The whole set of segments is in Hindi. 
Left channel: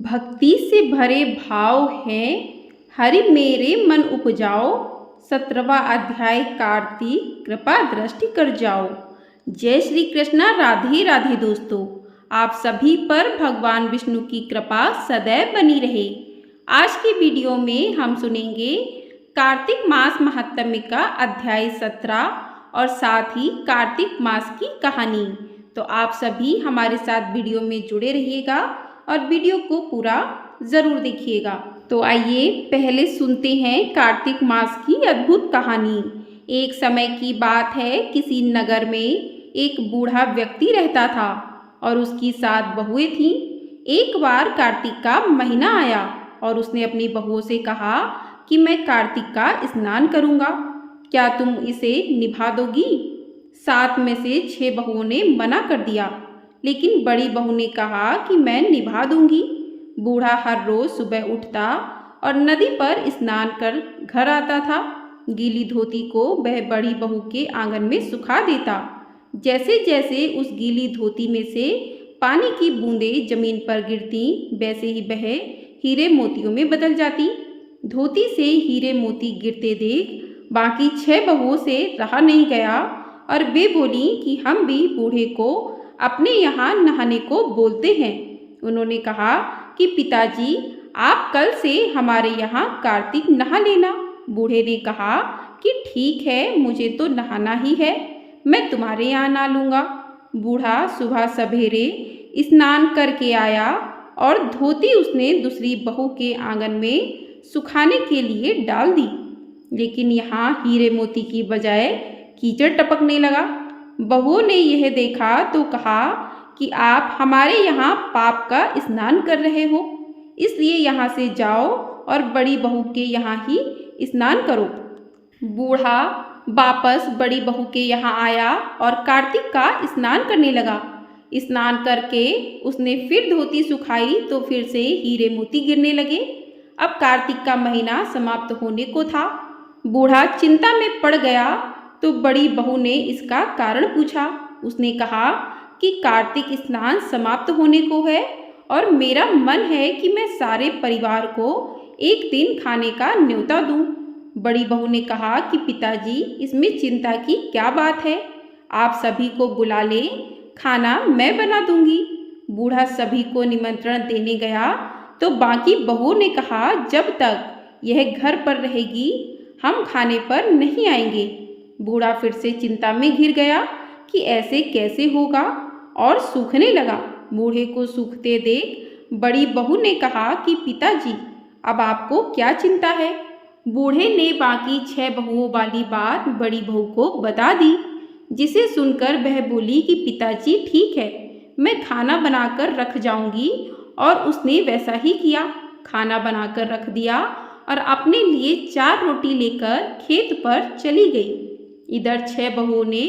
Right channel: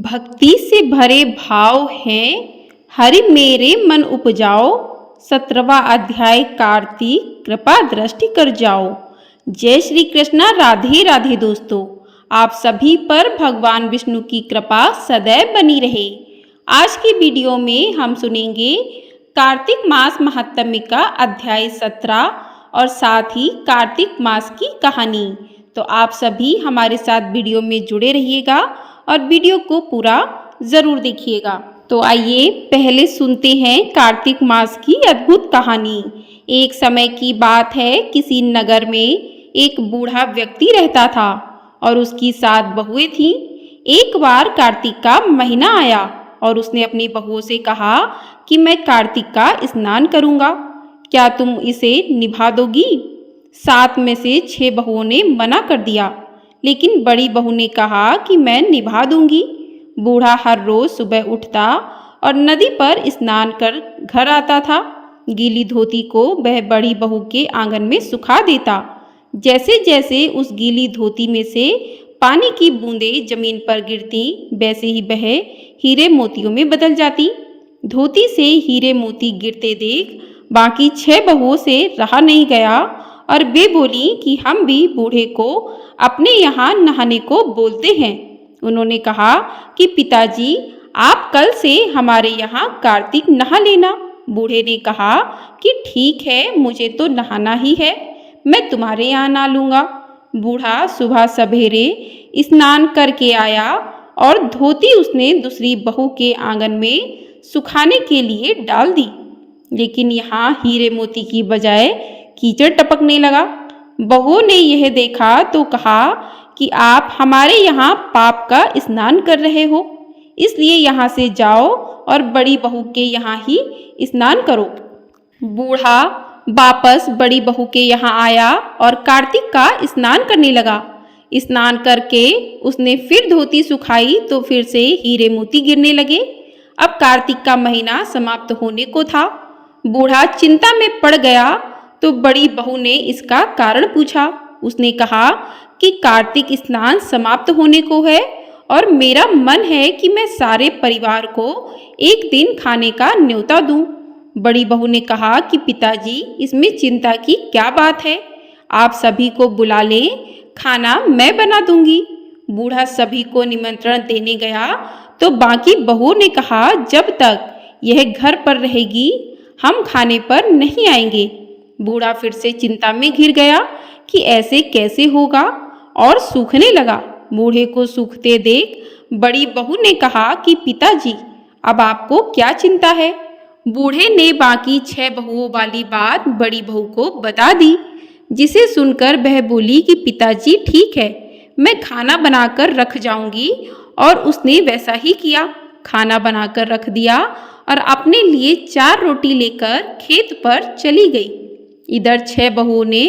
भक्ति से भरे भाव हैं, हरि मेरे मन उपजाओ। 17वां अध्याय कार्तिक, कृपा दृष्टि कर जाओ। जय श्री कृष्णा, राधे राधे दोस्तों। आप सभी पर भगवान विष्णु की कृपा सदैव बनी रहे। आज की वीडियो में हम सुनेंगे कार्तिक मास महात्म्य का अध्याय 17 और साथ ही कार्तिक मास की कहानी। तो आप सभी हमारे साथ वीडियो में जुड़े रहिएगा और वीडियो को पूरा ज़रूर देखिएगा। तो आइए पहले सुनते हैं कार्तिक मास की अद्भुत कहानी। एक समय की बात है, किसी नगर में एक बूढ़ा व्यक्ति रहता था और उसकी 7 बहुएं थीं। एक बार कार्तिक का महीना आया और उसने अपनी बहुओं से कहा कि मैं कार्तिक का स्नान करूँगा, क्या तुम इसे निभा दोगी? 7 में से 6 बहुओं ने मना कर दिया, लेकिन बड़ी बहू ने कहा कि मैं निभा दूंगी। बूढ़ा हर रोज सुबह उठता और नदी पर स्नान कर घर आता था। गीली धोती को वह बड़ी बहू के आंगन में सुखा देता। जैसे जैसे उस गीली धोती में से पानी की बूंदें जमीन पर गिरती, वैसे ही वह हीरे मोतियों में बदल जाती। धोती से हीरे मोती गिरते देख बाकी 6 बहुओं से रहा नहीं गया और वे बोली कि हम भी बूढ़े को अपने यहाँ नहाने को बोलते हैं। उन्होंने कहा कि पिताजी, आप कल से हमारे यहाँ कार्तिक नहा लेना। बूढ़े ने कहा कि ठीक है, मुझे तो नहाना ही है, मैं तुम्हारे यहाँ नहा लूँगा। बूढ़ा सुबह सवेरे स्नान करके आया और धोती उसने दूसरी बहू के आंगन में सुखाने के लिए डाल दी, लेकिन यहाँ हीरे मोती की बजाय कीचड़ टपकने लगा। बहुओं ने यह देखा तो कहा कि आप हमारे यहाँ पाप का स्नान कर रहे हो, इसलिए यहाँ से जाओ और बड़ी बहू के यहाँ ही स्नान करो। बूढ़ा वापस बड़ी बहू के यहाँ आया और कार्तिक का स्नान करने लगा। स्नान करके उसने फिर धोती सुखाई तो फिर से हीरे मोती गिरने लगे। अब कार्तिक का महीना समाप्त होने को था। बूढ़ा चिंता में पड़ गया तो बड़ी बहू ने इसका कारण पूछा। उसने कहा कि कार्तिक स्नान समाप्त होने को है और मेरा मन है कि मैं सारे परिवार को एक दिन खाने का न्योता दूं। बड़ी बहू ने कहा कि पिताजी, इसमें चिंता की क्या बात है, आप सभी को बुला लें, खाना मैं बना दूंगी। बूढ़ा सभी को निमंत्रण देने गया तो बाकी बहुओं ने कहा, जब तक यह घर पर रहेगी हम खाने पर नहीं आएंगे। बूढ़ा फिर से चिंता में घिर गया कि ऐसे कैसे होगा और सूखने लगा। बूढ़े को सूखते देख बड़ी बहू ने कहा कि पिताजी, अब आपको क्या चिंता है? बूढ़े ने बाकी 6 बहुओं वाली बात बड़ी बहू को बता दी, जिसे सुनकर वह बोली कि पिताजी ठीक है, मैं खाना बनाकर रख जाऊंगी। और उसने वैसा ही किया। खाना बनाकर रख दिया और अपने लिए 4 रोटी लेकर खेत पर चली गई। इधर 6 बहुओं ने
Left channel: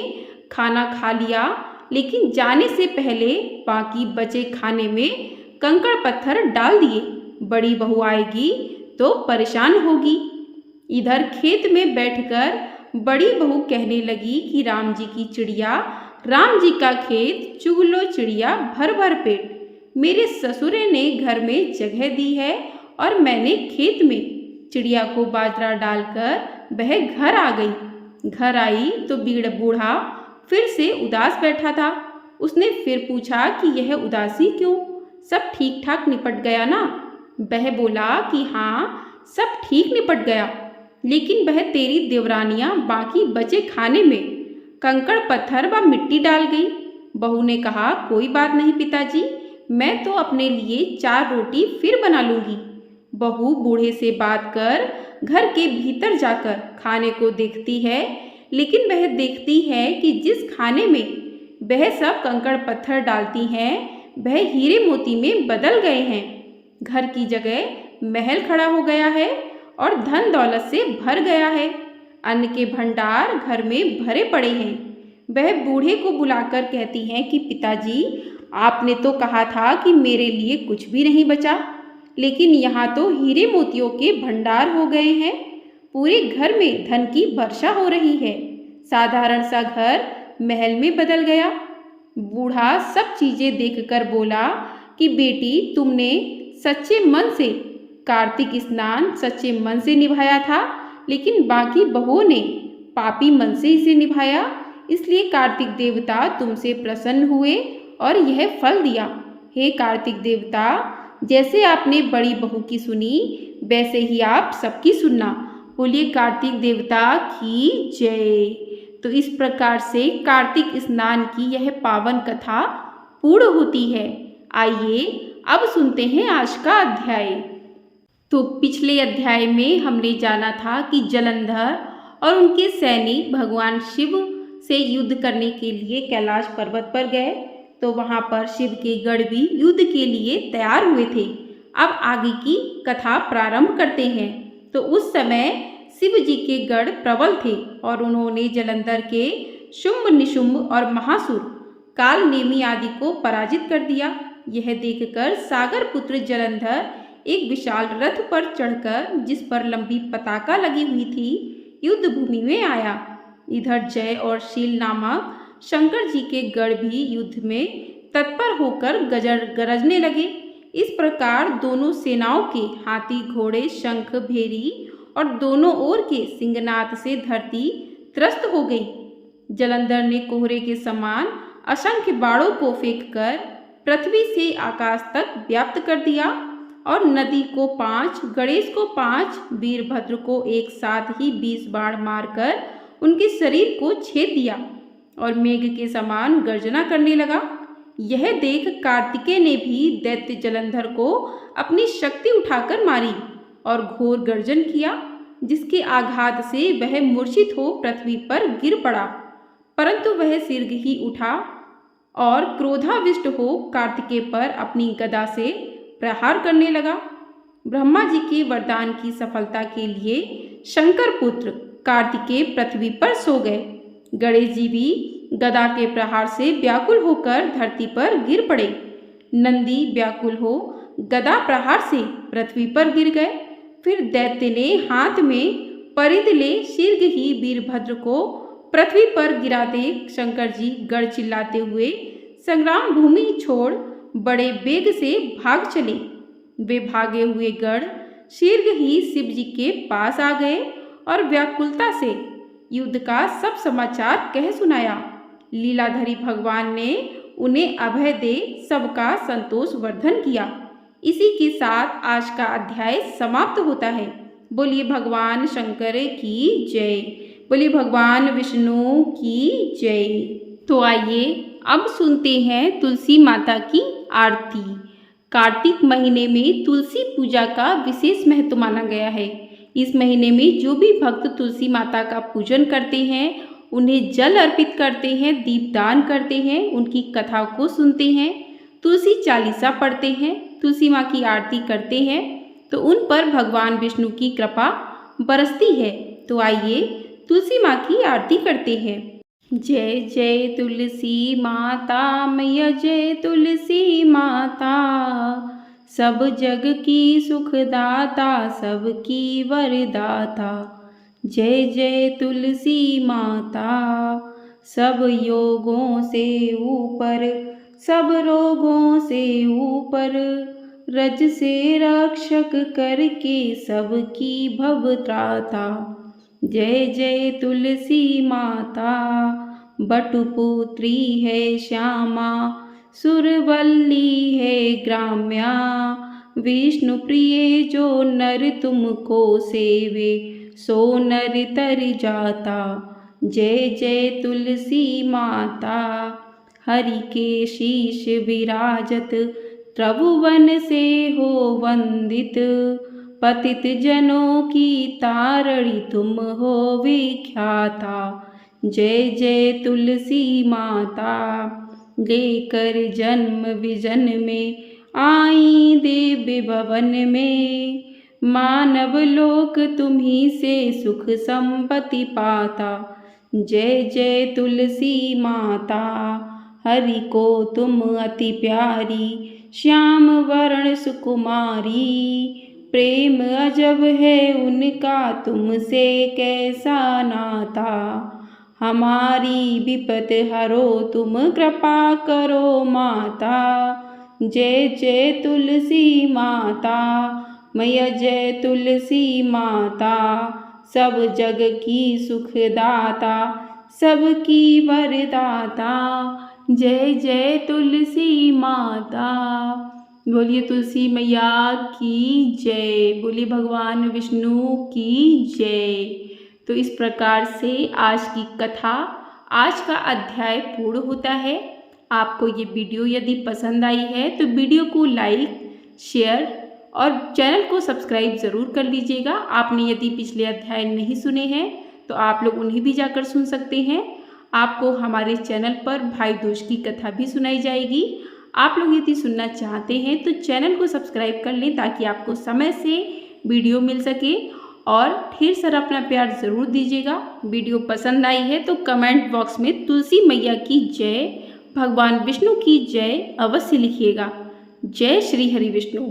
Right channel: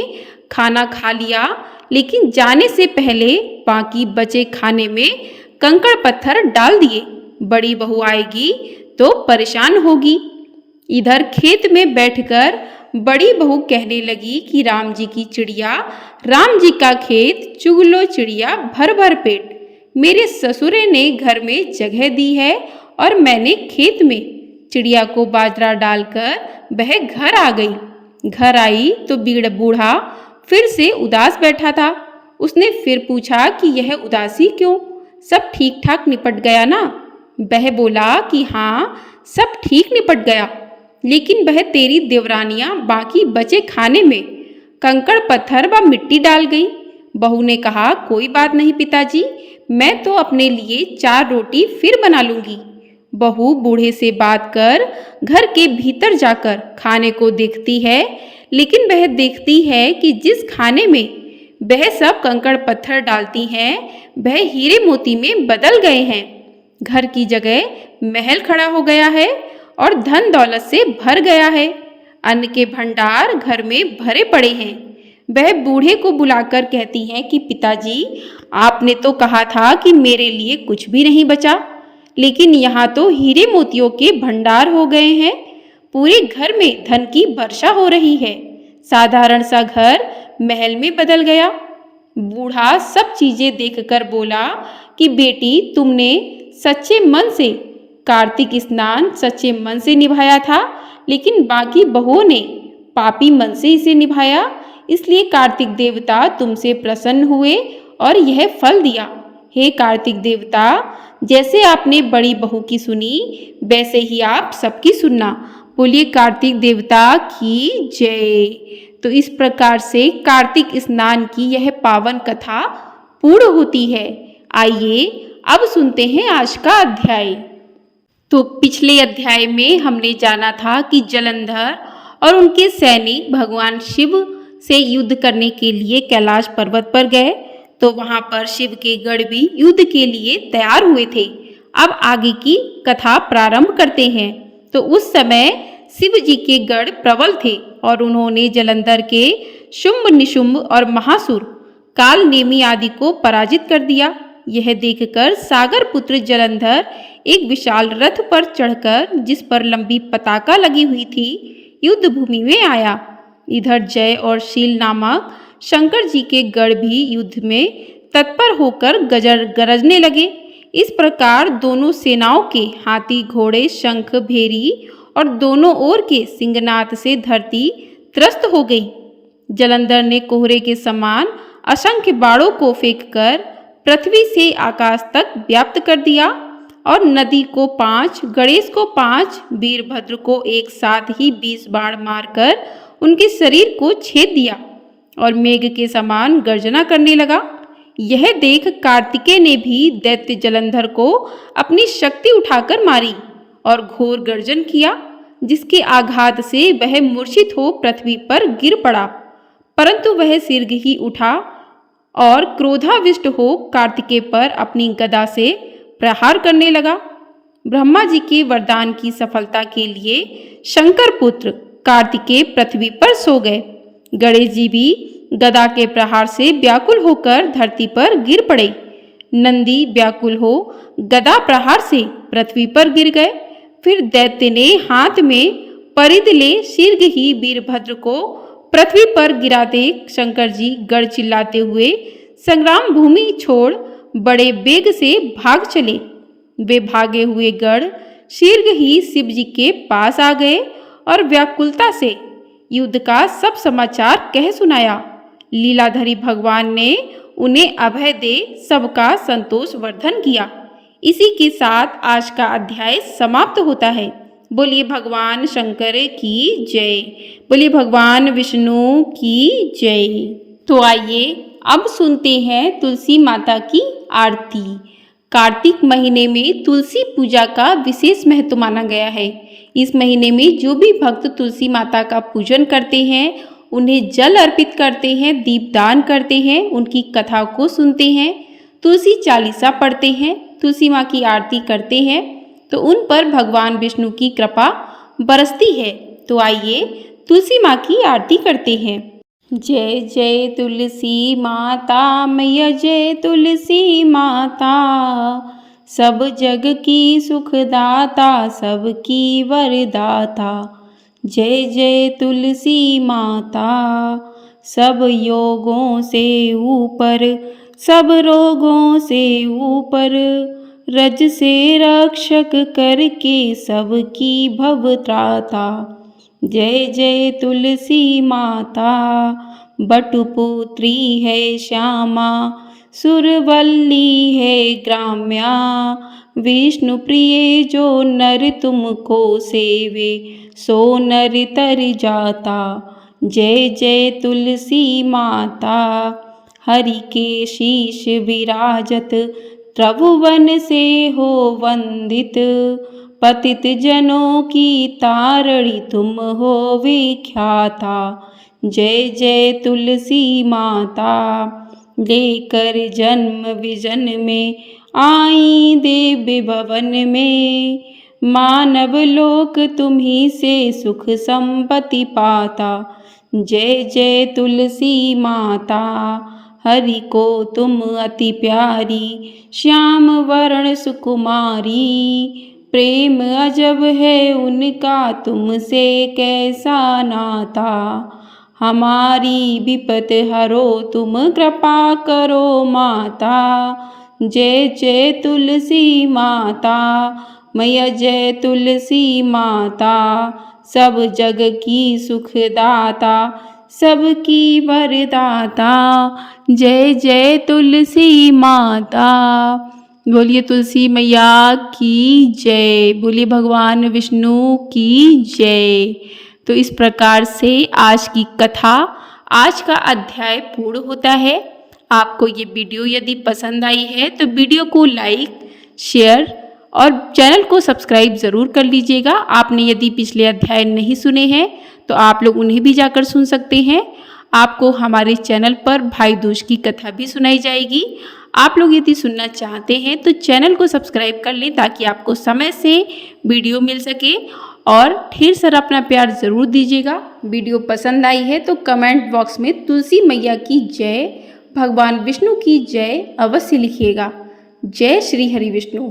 खाना खा लिया, लेकिन जाने से पहले बाकी बचे खाने में कंकड़ पत्थर डाल दिए। बड़ी बहू आएगी तो परेशान होगी। इधर खेत में बैठकर बड़ी बहू कहने लगी कि राम जी की चिड़िया, राम जी का खेत, चुग लो चिड़िया भर भर पेट। मेरे ससुरे ने घर में जगह दी है और मैंने खेत में चिड़िया को बाजरा डालकर वह घर आ गई। घर आई तो बूढ़ा फिर से उदास बैठा था। उसने फिर पूछा कि यह उदासी क्यों, सब ठीक ठाक निपट गया ना? वह बोला कि हाँ, सब ठीक निपट गया, लेकिन वह तेरी देवरानियाँ बाकी बचे खाने में कंकड़ पत्थर व मिट्टी डाल गई। बहू ने कहा, कोई बात नहीं पिताजी, मैं तो अपने लिए 4 रोटी फिर बना लूँगी। बहू बूढ़े से बात कर घर के भीतर जाकर खाने को देखती है, लेकिन वह देखती है कि जिस खाने में वह सब कंकड़ पत्थर डालती हैं वह हीरे मोती में बदल गए हैं। घर की जगह महल खड़ा हो गया है और धन दौलत से भर गया है। अन्न के भंडार घर में भरे पड़े हैं। वह बूढ़े को बुलाकर कहती हैं कि पिताजी, आपने तो कहा था कि मेरे लिए कुछ भी नहीं बचा, लेकिन यहाँ तो हीरे मोतियों के भंडार हो गए हैं। पूरे घर में धन की वर्षा हो रही है। साधारण सा घर महल में बदल गया। बूढ़ा सब चीजें देखकर बोला कि बेटी, तुमने सच्चे मन से कार्तिक स्नान सच्चे मन से निभाया था, लेकिन बाकी बहुओं ने पापी मन से इसे निभाया। इसलिए कार्तिक देवता तुमसे प्रसन्न हुए और यह फल दिया। हे कार्तिक देवता, जैसे आपने बड़ी बहू की सुनी, वैसे ही आप सबकी सुनना। बोलिए कार्तिक देवता की जय। तो इस प्रकार से कार्तिक स्नान की यह पावन कथा पूर्ण होती है। आइए अब सुनते हैं आज का अध्याय। तो पिछले अध्याय में हमने जाना था कि जलंधर और उनके सैनिक भगवान शिव से युद्ध करने के लिए कैलाश पर्वत पर गए। तो वहां पर शिव के गढ़ भी युद्ध के लिए तैयार हुए थे। अब आगे की कथा प्रारंभ करते हैं। तो उस समय शिव जी के गढ़ प्रबल थे और उन्होंने जलंधर के शुंभ निशुंभ और महासुर काल नेमी आदि को पराजित कर दिया। यह देखकर सागर पुत्र जलंधर एक विशाल रथ पर चढ़कर, जिस पर लंबी पताका लगी हुई थी, युद्ध भूमि में आया। इधर जय और शील नामक शंकर जी के गढ़ भी युद्ध में तत्पर होकर गरजने लगे। इस प्रकार दोनों सेनाओं के हाथी घोड़े शंख भेरी और दोनों ओर के सिंहनाद से धरती त्रस्त हो गई। जलंधर ने कोहरे के समान असंख्य बाणों को फेंककर पृथ्वी से आकाश तक व्याप्त कर दिया और नदी को 5, गणेश को 5, वीरभद्र को एक साथ ही 20 बाण मारकर उनके शरीर को छेद दिया और मेघ के समान गर्जना करने लगा। यह देख कार्तिकेय ने भी दैत्य जलंधर को अपनी शक्ति उठाकर मारी और घोर गर्जन किया, जिसके आघात से वह मूर्छित हो पृथ्वी पर गिर पड़ा। परंतु वह शीघ्र ही उठा और क्रोधाविष्ट हो कार्तिकेय पर अपनी गदा से प्रहार करने लगा। ब्रह्मा जी के वरदान की सफलता के लिए शंकर पुत्र कार्तिकेय पृथ्वी पर सो गए। गणेश जी भी गदा के प्रहार से व्याकुल होकर धरती पर गिर पड़े। नंदी व्याकुल हो गदा प्रहार से पृथ्वी पर गिर गए। फिर दैत्य ने हाथ में परिध ले शीघ्र ही वीरभद्र को पृथ्वी पर गिरा देख शंकर जी गढ़ चिल्लाते हुए संग्राम भूमि छोड़ बड़े वेग से भाग चले। वे भागे हुए गढ़ शीघ्र ही शिव जी के पास आ गए और व्याकुलता से युद्ध का सब समाचार कह सुनाया। लीलाधरी भगवान ने उन्हें अभय दे सबका संतोष वर्धन किया। इसी के साथ आज का अध्याय समाप्त होता है। बोलिए भगवान शंकर की जय। बोलिए भगवान विष्णु की जय। तो आइए अब सुनते हैं तुलसी माता की आरती। कार्तिक महीने में तुलसी पूजा का विशेष महत्व माना गया है। इस महीने में जो भी भक्त तुलसी माता का पूजन करते हैं, उन्हें जल अर्पित करते हैं, दीपदान करते हैं, उनकी कथा को सुनते हैं, तुलसी चालीसा पढ़ते हैं, तुलसी माँ की आरती करते हैं, तो उन पर भगवान विष्णु की कृपा बरसती है। तो आइए तुलसी माँ की आरती करते हैं। जय जय तुलसी माता मैया, जय तुलसी माता, सब जग की सुखदाता, सबकी वरदाता। जय जय तुलसी माता, सब योगों से ऊपर, सब रोगों से ऊपर, रज से रक्षक करके सबकी भवत्राता। जय जय तुलसी माता, बटुपुत्री है श्यामा, सुरवल्ली है ग्राम्या, विष्णु प्रिय जो नर तुमको सेवे, सो नर तर जाता। जय जय तुलसी माता, हरि के शीश विराजत, त्रिभुवन से हो वंदित, पतित जनों की तारणी तुम हो विख्याता। जय जय तुलसी माता, लेकर जन्म विजन में आई देव भवन में, मानव लोक तुम्ही से सुख संपत्ति पाता। जय जय तुलसी माता, हरि को तुम अति प्यारी, श्याम वर्ण सुकुमारी, प्रेम अजब है उनका तुमसे कैसा नाता। हमारी विपत हरो तुम कृपा करो माता, जय जय तुलसी माता, मैया जय तुलसी माता, सब जग की सुखदाता, सबकी वरदाता। जय जय तुलसी माता। बोलिए तुलसी मैया की जय, बोलिए भगवान विष्णु की जय। तो इस प्रकार से आज की कथा, आज का अध्याय पूर्ण होता है। आपको ये वीडियो यदि पसंद आई है तो वीडियो को लाइक, शेयर और चैनल को सब्सक्राइब ज़रूर कर लीजिएगा। आपने यदि पिछले अध्याय नहीं सुने हैं तो आप लोग उन्हें भी जाकर सुन सकते हैं। आपको हमारे चैनल पर भाई दूज की कथा भी सुनाई जाएगी। आप लोग यदि सुनना चाहते हैं तो चैनल को सब्सक्राइब कर लें ताकि आपको समय से वीडियो मिल सके। और ढेर सारा अपना प्यार ज़रूर दीजिएगा। वीडियो पसंद आई है तो कमेंट बॉक्स में तुलसी मैया की जय, भगवान विष्णु की जय अवश्य लिखिएगा। जय श्री हरि विष्णु।